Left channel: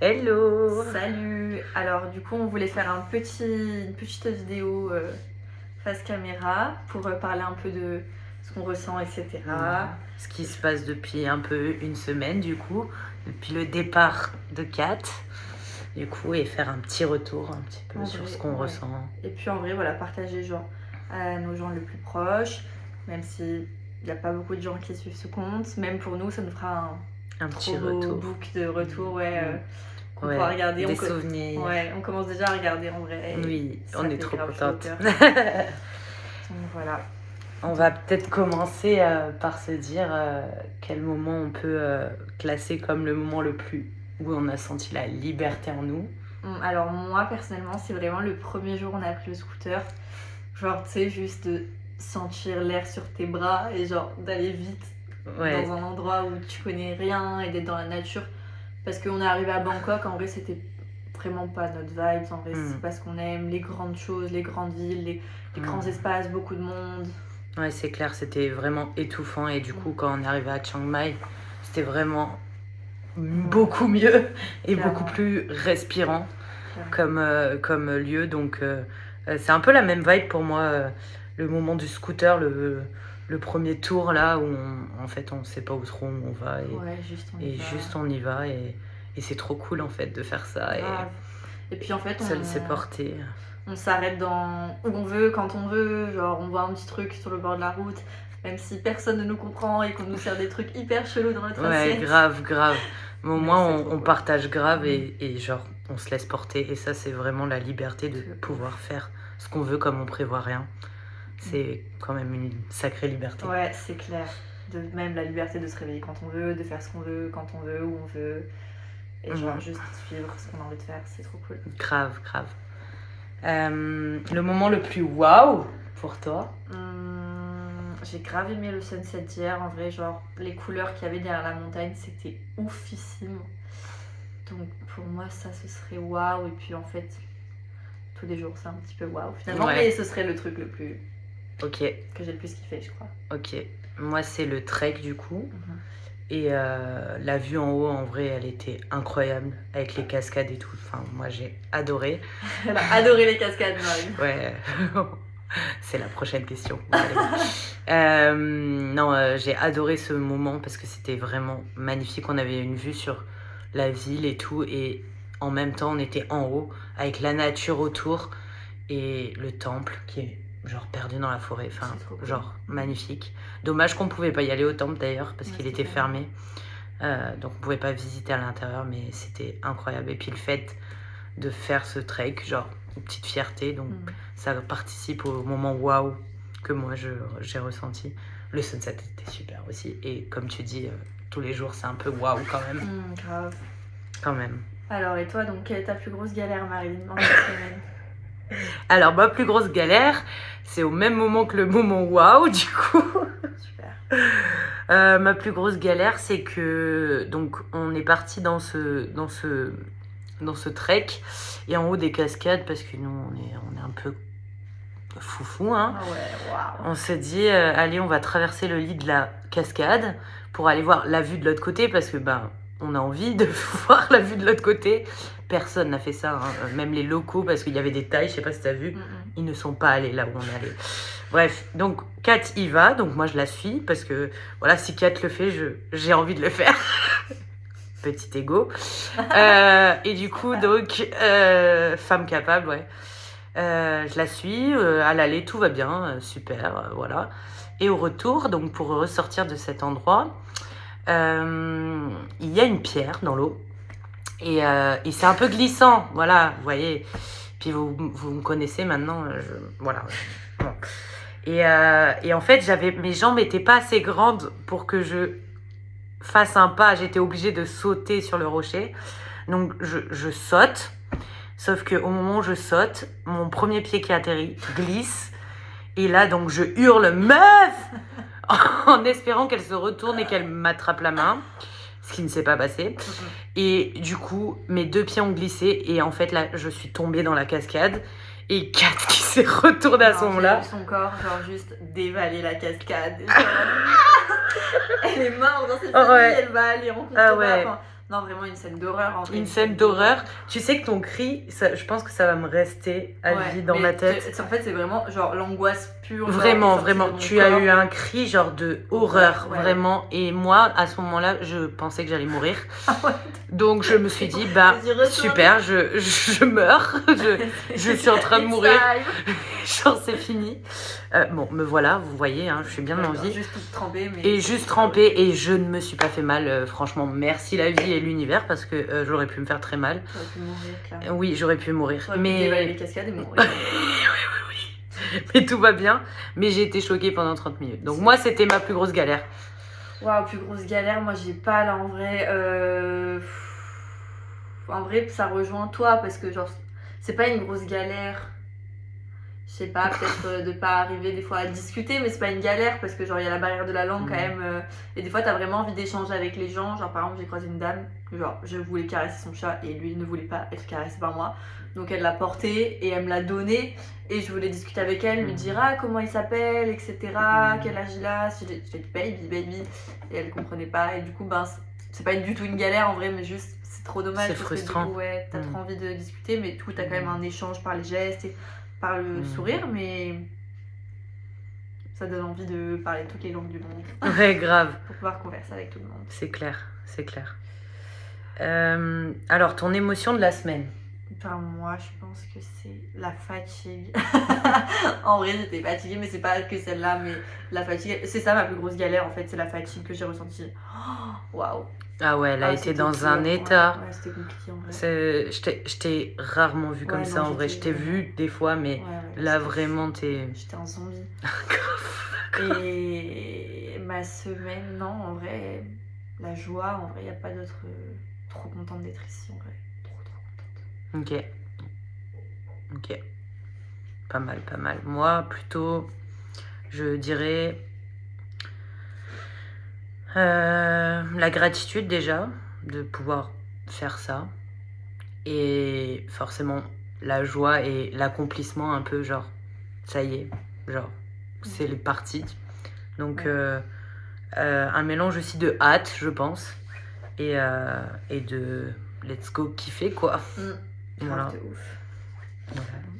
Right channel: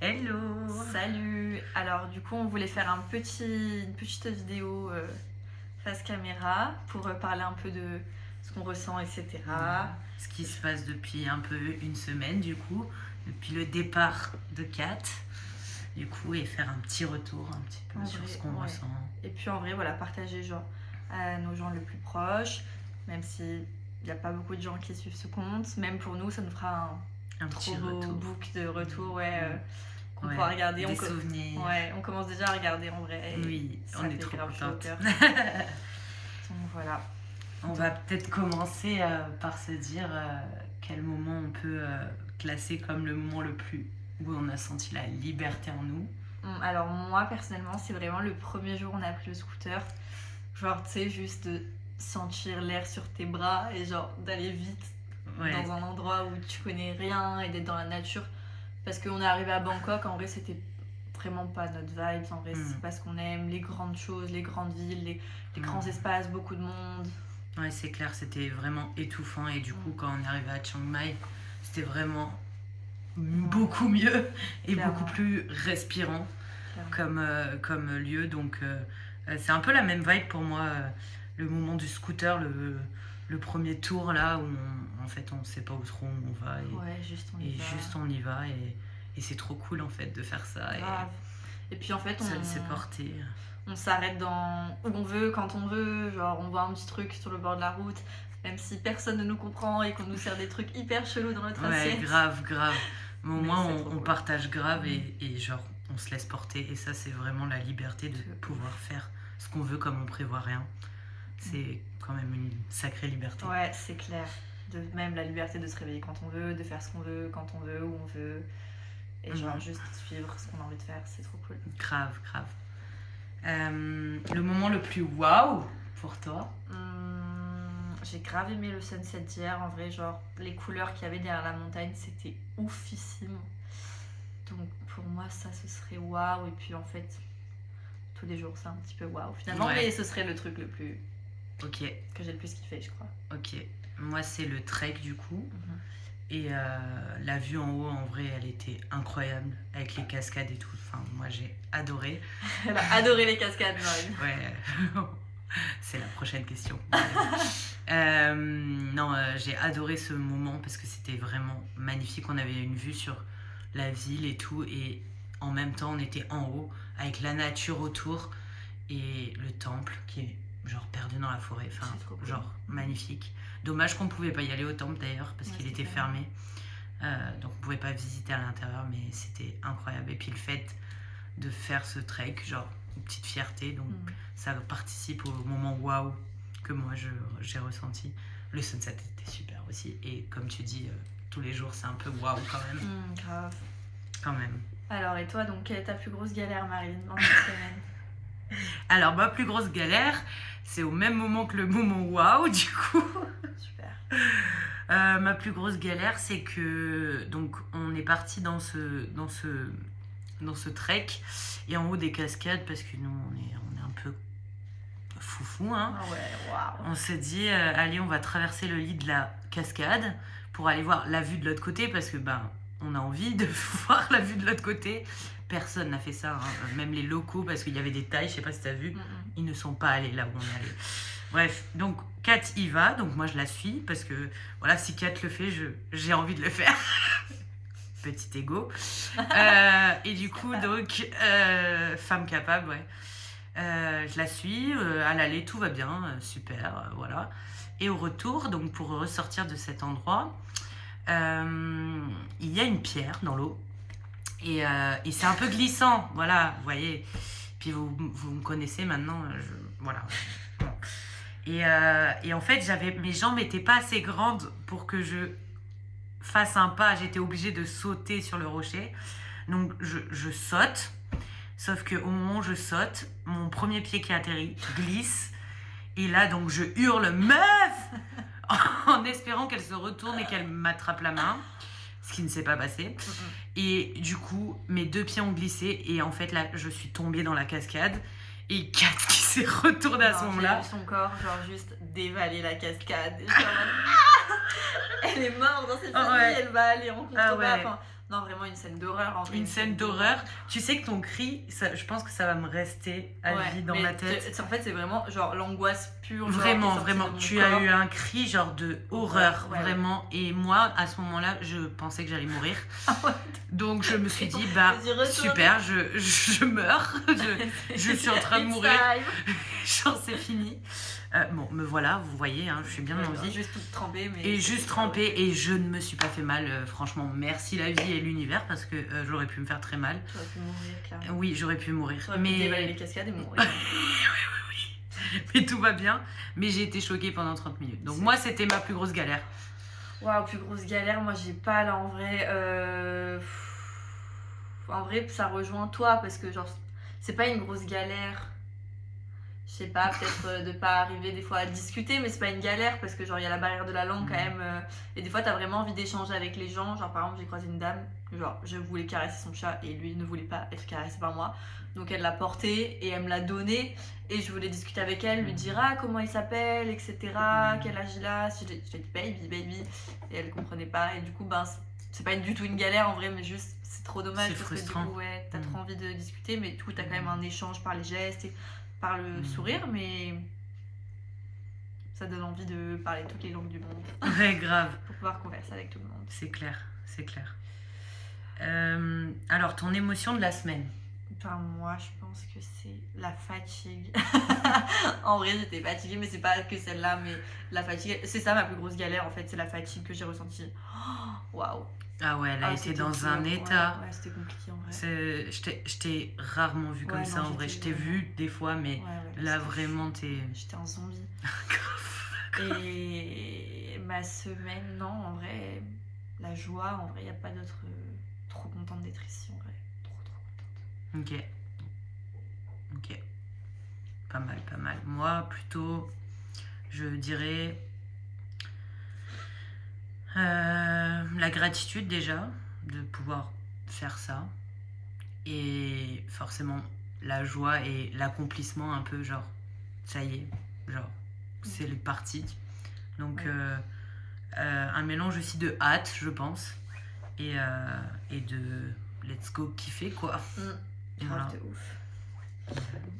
Hello! Salut! Alors du coup on voulait faire une petite vidéo face caméra pour parler un peu de ce qu'on ressent, etc. Ce qui se passe depuis un peu une semaine du coup, depuis le départ de Kat, du coup, et faire un petit retour un petit peu sur ce qu'on ressent. Et puis en vrai, voilà, partager genre à nos gens les plus proches, même s'il n'y a pas beaucoup de gens qui suivent ce compte, même pour nous ça nous fera un petit trop beau retour. book de retour, qu'on pourra regarder. Des souvenirs. Ouais, on commence déjà à regarder en vrai. Oui, on est trop contente. Donc voilà. On va peut-être commencer par se dire quel moment on peut classer comme le moment le plus où on a senti la liberté en nous. Alors moi personnellement c'est vraiment le premier jour où on a pris le scooter, genre tu sais, juste de sentir l'air sur tes bras et genre d'aller vite dans un endroit où tu connais rien et d'être dans la nature, parce qu'on est arrivé à Bangkok, en vrai c'était vraiment pas notre vibe, en vrai c'est pas ce qu'on aime, les grandes choses, les grandes villes, les grands espaces, beaucoup de monde. Ouais, c'est clair, c'était vraiment étouffant et du coup quand on est arrivé à Chiang Mai, c'était vraiment beaucoup mieux et beaucoup plus respirant comme lieu. Donc c'est un peu la même vibe pour moi, le moment du scooter, le premier tour là où en fait on sait pas où trop on va et juste on y va et c'est trop cool en fait de faire ça. Et puis en fait se laisser porter. On s'arrête où on veut, quand on veut, genre on voit un petit truc sur le bord de la route, même si personne ne nous comprend et qu'on nous sert des trucs hyper chelous dans notre assiette. Ouais, grave. Mais au moins on partage grave et genre on se laisse porter, et ça c'est vraiment la liberté de pouvoir faire ce qu'on veut comme on prévoit rien. C'est quand même une sacrée liberté. Ouais, c'est clair. Même la liberté de se réveiller quand on veut, de faire ce qu'on veut, quand on veut, où on veut. Et genre juste suivre ce qu'on a envie de faire, c'est trop cool. Grave. Le moment le plus waouh pour toi? J'ai grave aimé le sunset d'hier, en vrai, genre les couleurs qu'il y avait derrière la montagne, c'était oufissime. Donc pour moi ça ce serait waouh, et puis en fait tous les jours c'est un petit peu waouh finalement, mais ce serait le truc le plus que j'ai le plus kiffé, je crois. Ok, moi c'est le trek du coup. Et la vue en haut, en vrai, elle était incroyable, avec les cascades et tout. Enfin, moi, j'ai adoré. Elle a adoré les cascades, Marie. Ouais, c'est la prochaine question. J'ai adoré ce moment parce que c'était vraiment magnifique. On avait une vue sur la ville et tout. Et en même temps, on était en haut, avec la nature autour et le temple qui est genre perdu dans la forêt. Enfin, genre magnifique. Dommage qu'on pouvait pas y aller au temple d'ailleurs parce qu'il était fermé, donc on pouvait pas visiter à l'intérieur, mais c'était incroyable. Et puis le fait de faire ce trek, genre une petite fierté, donc ça participe au moment waouh que moi j'ai ressenti. Le sunset était super aussi, et comme tu dis, tous les jours c'est un peu waouh quand même. Grave. Quand même. Alors et toi, donc quelle est ta plus grosse galère, Marine, dans cette semaine? Alors ma plus grosse galère, c'est au même moment que le moment waouh du coup. Super. Ma plus grosse galère, c'est que donc on est parti dans ce trek, et en haut des cascades, parce que nous on est un peu foufou, hein. Ah ouais, waouh. On se dit allez, on va traverser le lit de la cascade pour aller voir la vue de l'autre côté, parce que on a envie de voir la vue de l'autre côté. Personne n'a fait ça, hein. Même les locaux, parce qu'il y avait des tailles, je sais pas si t'as vu, ils ne sont pas allés là où on est allé. Bref, donc Kat y va, donc moi je la suis, parce que voilà, si Kat le fait, j'ai envie de le faire. Petit ego. Et du coup, donc, femme capable, ouais. Je la suis, à l'aller, tout va bien, super, voilà. Et au retour, donc pour ressortir de cet endroit, il y a une pierre dans l'eau. Et c'est un peu glissant, voilà, vous voyez. Puis vous me connaissez maintenant, voilà. Bon. Et en fait, mes jambes n'étaient pas assez grandes pour que je fasse un pas. J'étais obligée de sauter sur le rocher. Donc, je saute. Sauf qu'au moment où je saute, mon premier pied qui atterrit glisse. Et là, donc, je hurle « Meuf !» en espérant qu'elle se retourne et qu'elle m'attrape la main. Ce qui ne s'est pas passé. Et du coup, mes deux pieds ont glissé. Et en fait, là, je suis tombée dans la cascade. Et Kat qui s'est retournée à ce moment-là. Son corps, genre, juste dévaler la cascade. Elle est morte dans ses familles, elle va aller en contrebas. Non, vraiment une scène d'horreur. En fait. Une scène d'horreur. Tu sais que ton cri, ça, je pense que ça va me rester à vie dans ma tête. En fait, c'est vraiment genre l'angoisse pure. Vraiment, vraiment. Tu as eu un cri genre de horreur, ouais. vraiment. Et moi, à ce moment-là, je pensais que j'allais mourir. Ah ouais. Donc je me suis dit, bah super, je meurs. Je suis en train de mourir. Genre c'est fini. Bon, me voilà, vous voyez, hein, je suis bien en vie. Juste toute trempée. Mais... Et juste trempée, et je ne me suis pas fait mal. Franchement, merci la vie et l'univers, parce que j'aurais pu me faire très mal. J'aurais pu mourir, clairement. Oui, j'aurais pu mourir. J'aurais pu dévaler les cascades et mourir. oui. Mais tout va bien. Mais j'ai été choquée pendant 30 minutes. Donc moi, c'était ma plus grosse galère. Waouh, plus grosse galère, moi j'ai pas là en vrai. En vrai, ça rejoint toi parce que genre, c'est pas une grosse galère. Je sais pas, peut-être de pas arriver des fois à discuter, mais c'est pas une galère parce que genre il y a la barrière de la langue quand même. Et des fois t'as vraiment envie d'échanger avec les gens. Genre par exemple j'ai croisé une dame, genre je voulais caresser son chat et lui ne voulait pas être caressé par moi. Donc elle l'a porté et elle me l'a donné et je voulais discuter avec elle, lui dire comment il s'appelle, etc. Quel âge il a. J'ai dit baby et elle comprenait pas et du coup ben c'est pas du tout une galère en vrai mais juste c'est trop dommage. C'est frustrant. Que, du coup, ouais, t'as trop envie de discuter mais du coup t'as quand même un échange par les gestes et par le sourire, mais ça donne envie de parler toutes les langues du monde. Ouais, grave. Pour pouvoir converser avec tout le monde. C'est clair, c'est clair. Alors, ton émotion de la semaine? Enfin, moi, je pense que c'est la fatigue. En vrai, j'étais fatiguée, mais c'est pas que celle-là, mais la fatigue. C'est ça ma plus grosse galère, en fait, c'est la fatigue que j'ai ressentie. Waouh! Ah ouais, elle a été dans un état. Ouais, c'était compliqué en vrai. Je t'ai rarement vu comme ça en vrai. Je t'ai vu des fois, mais là vraiment t'es. J'étais un zombie. Et ma semaine, non, en vrai, la joie, en vrai, il n'y a pas d'autre. Trop contente d'être ici en vrai. Trop contente. Ok. Pas mal, pas mal. Moi, plutôt, je dirais. La gratitude déjà de pouvoir faire ça et forcément la joie et l'accomplissement un peu genre ça y est genre c'est les parties donc un mélange aussi de hâte je pense et de let's go kiffer quoi. Voilà.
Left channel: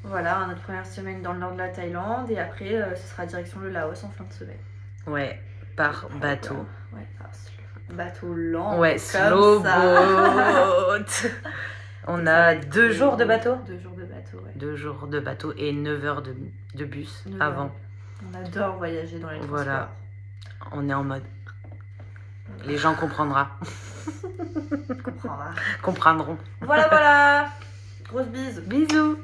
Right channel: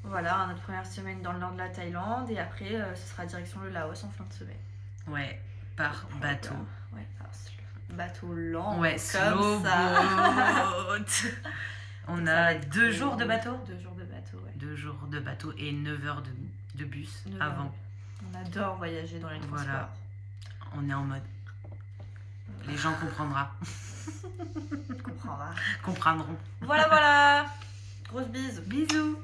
Voilà notre première semaine dans le nord de la Thaïlande et après ce sera direction le Laos en fin de semaine. Ouais, par bateau. Ouais, bateau lent. Ouais, slow boat. On a 2 jours de bateau. 2 jours de bateau, ouais. 2 jours de bateau et 9 heures de bus avant. On adore voyager dans les transports. Voilà, on est en mode. Les gens comprendront. Comprendront. Comprendront. Voilà. Grosse bise. Bisous.